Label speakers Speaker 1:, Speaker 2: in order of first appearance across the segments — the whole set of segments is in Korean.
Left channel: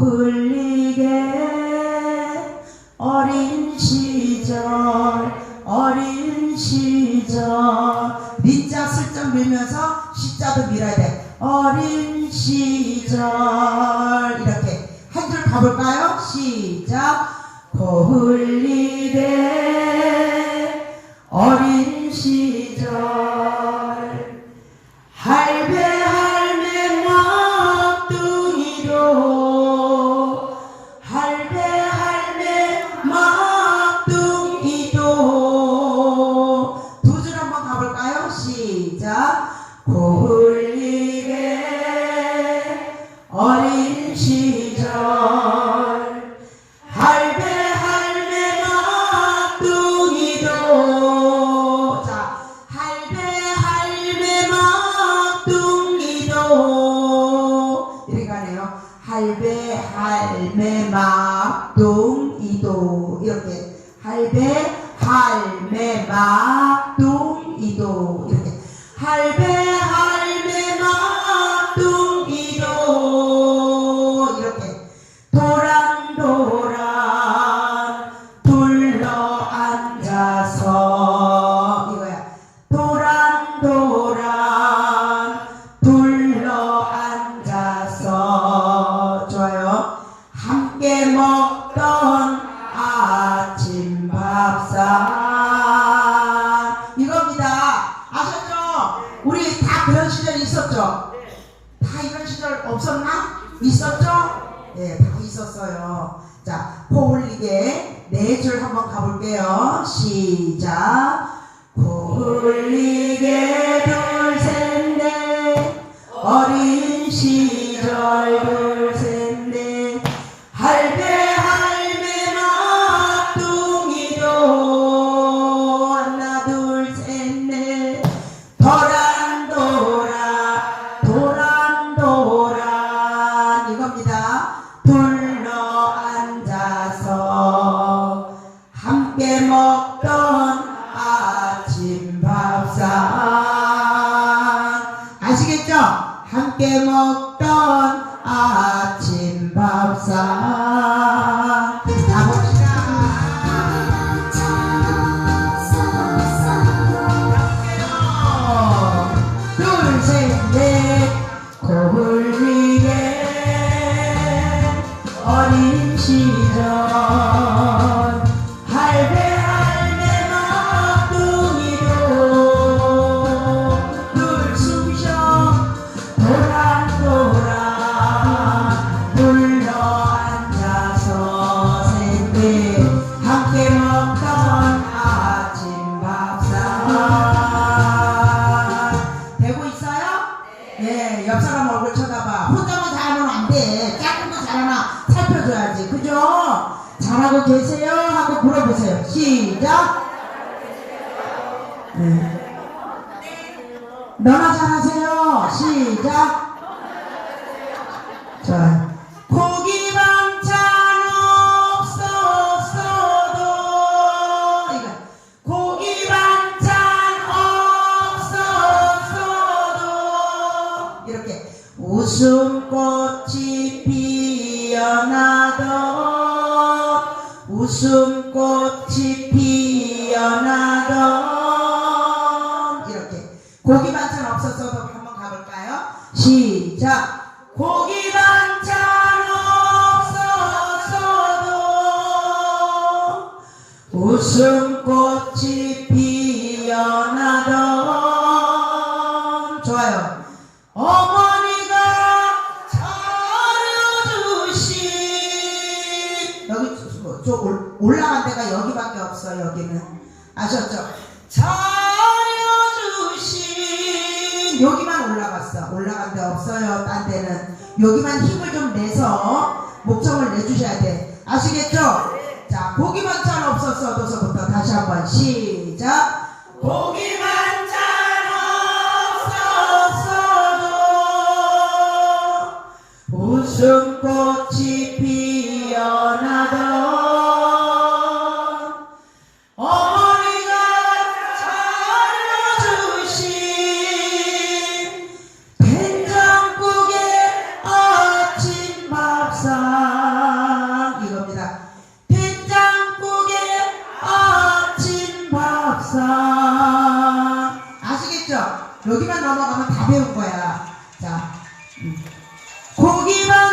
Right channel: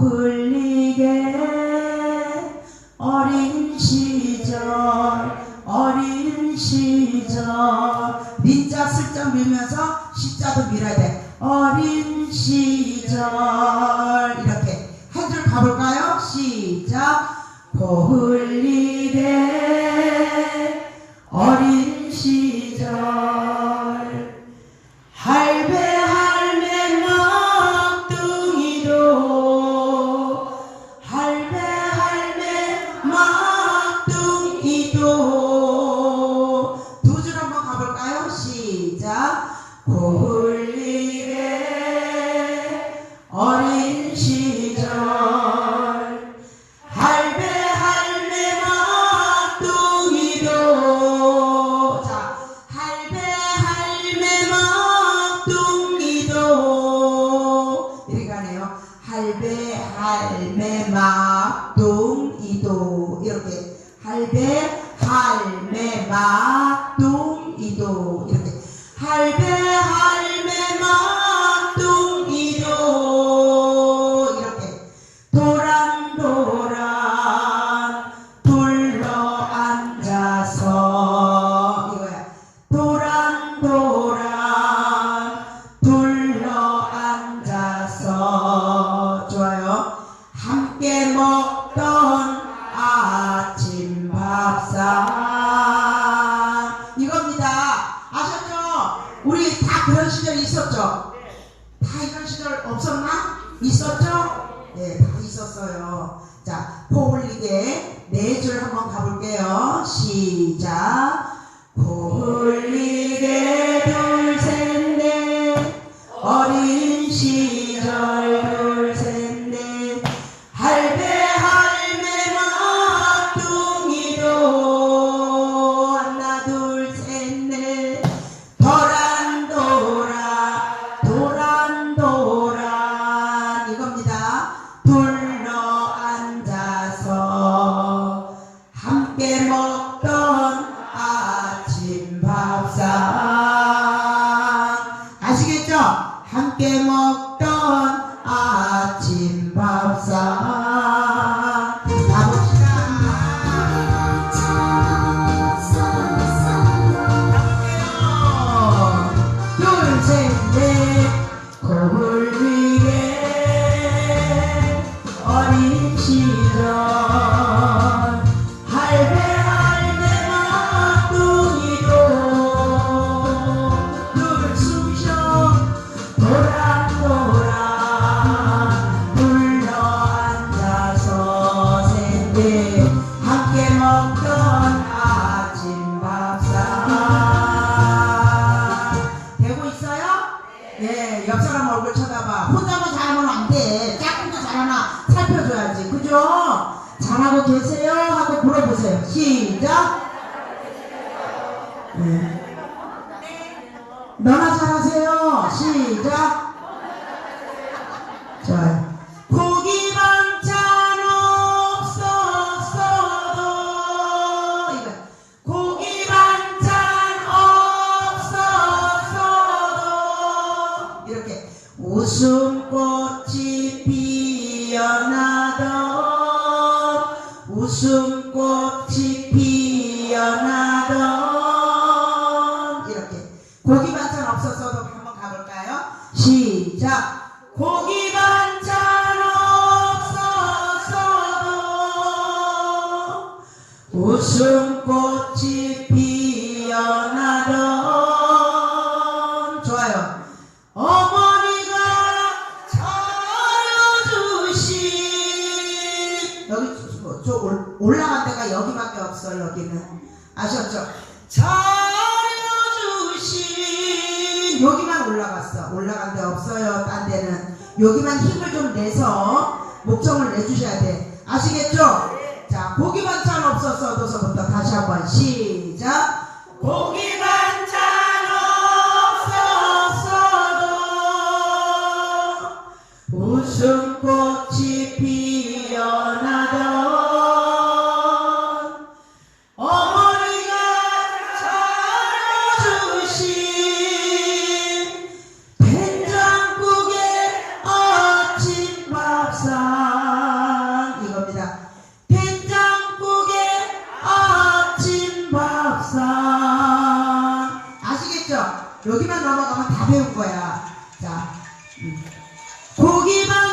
Speaker 1: 흘리게 어린 시절 어린 시절. 민자 슬쩍 밀면서 십자도 밀어야 돼. 어린 시절. 이렇게 한 줄 가볼까요? 시작. 고흘리게 어린 시절. entender 네, 이제 네 줄 한번 가볼게요. 시작. 골리게도 一起走 계세요? 한번 물어보세요. 시작. 네. 너나 잘하세요. 시작. 좋아요. 고기 반찬 없었어도 이거 고기 반찬 없었어도 이렇게 웃음꽃 so 없어요 여기는. 아셨죠? 잘해주신. 여기만 올라갔어. 올라간 데 없어요 딴 데는. 여기만 힘을 좀 내서 목청을 내주셔야 돼요. 여기만 넘어가면 다 배운 거야. 자, 음. 고기만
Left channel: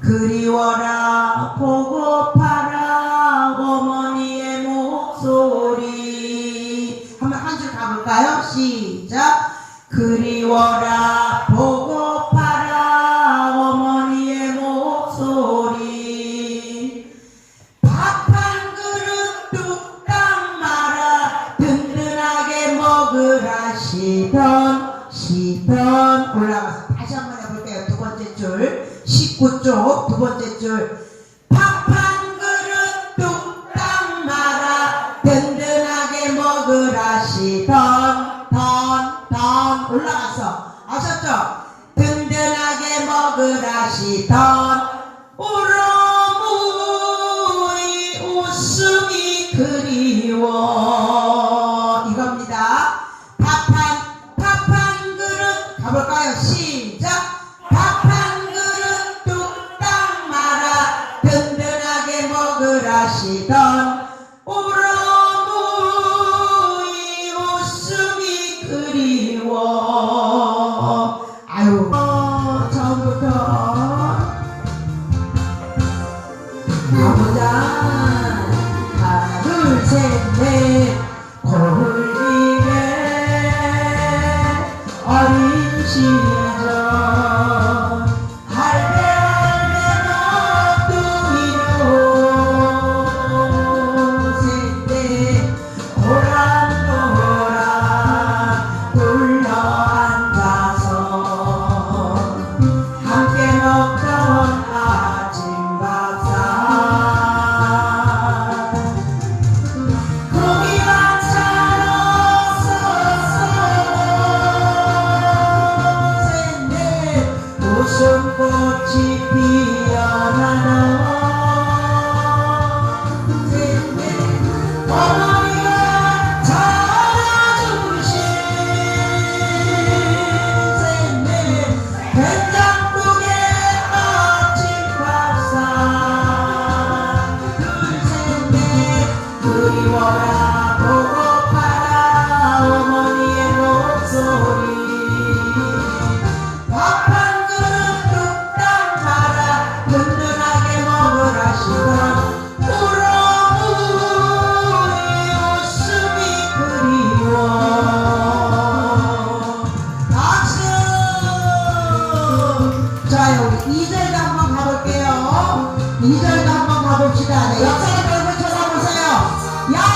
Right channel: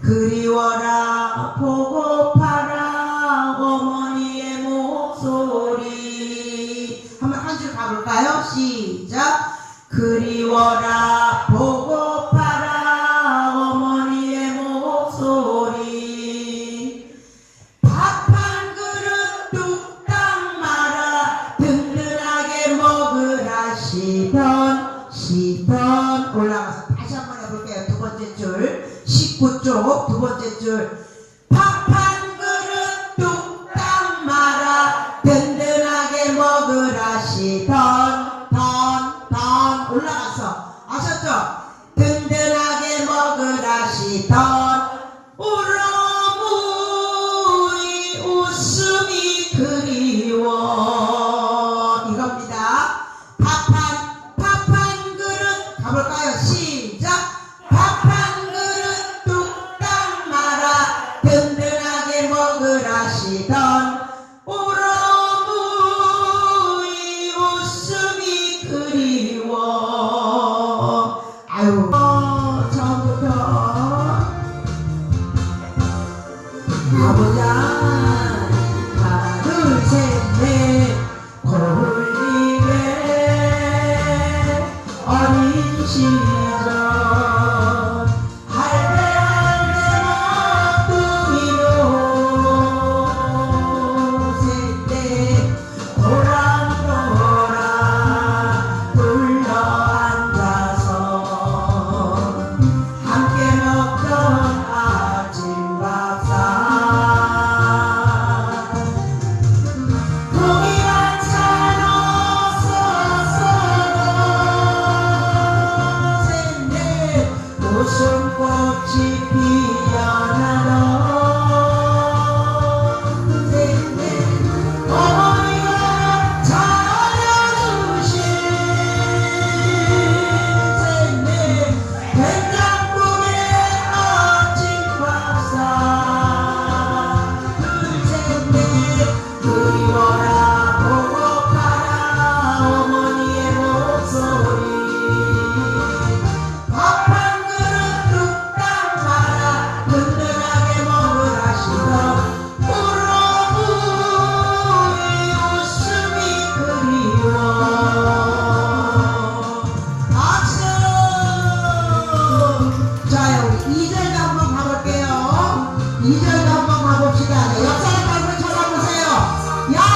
Speaker 1: 그리워라 보고파라 어머니의 목소리. 한번 한 줄 가볼까요? 시작. 그리워라 보고파라 어머니의 목소리. 밥 한 그릇 뚝딱 말아 든든하게 먹으라. 시편 시편. 올라가서 다시 한번 해볼게요. 두 번째 줄. 19쪽 두 번째 줄. 팍한 그릇 뚝딱 말아 든든하게 먹으라 시던 던 던. 올라가서 아셨죠? 든든하게 먹으라 시던 울어무이 웃음이 그리워. 이겁니다. 팍한 팍한 그릇. 가볼까요? 시 纪念 No.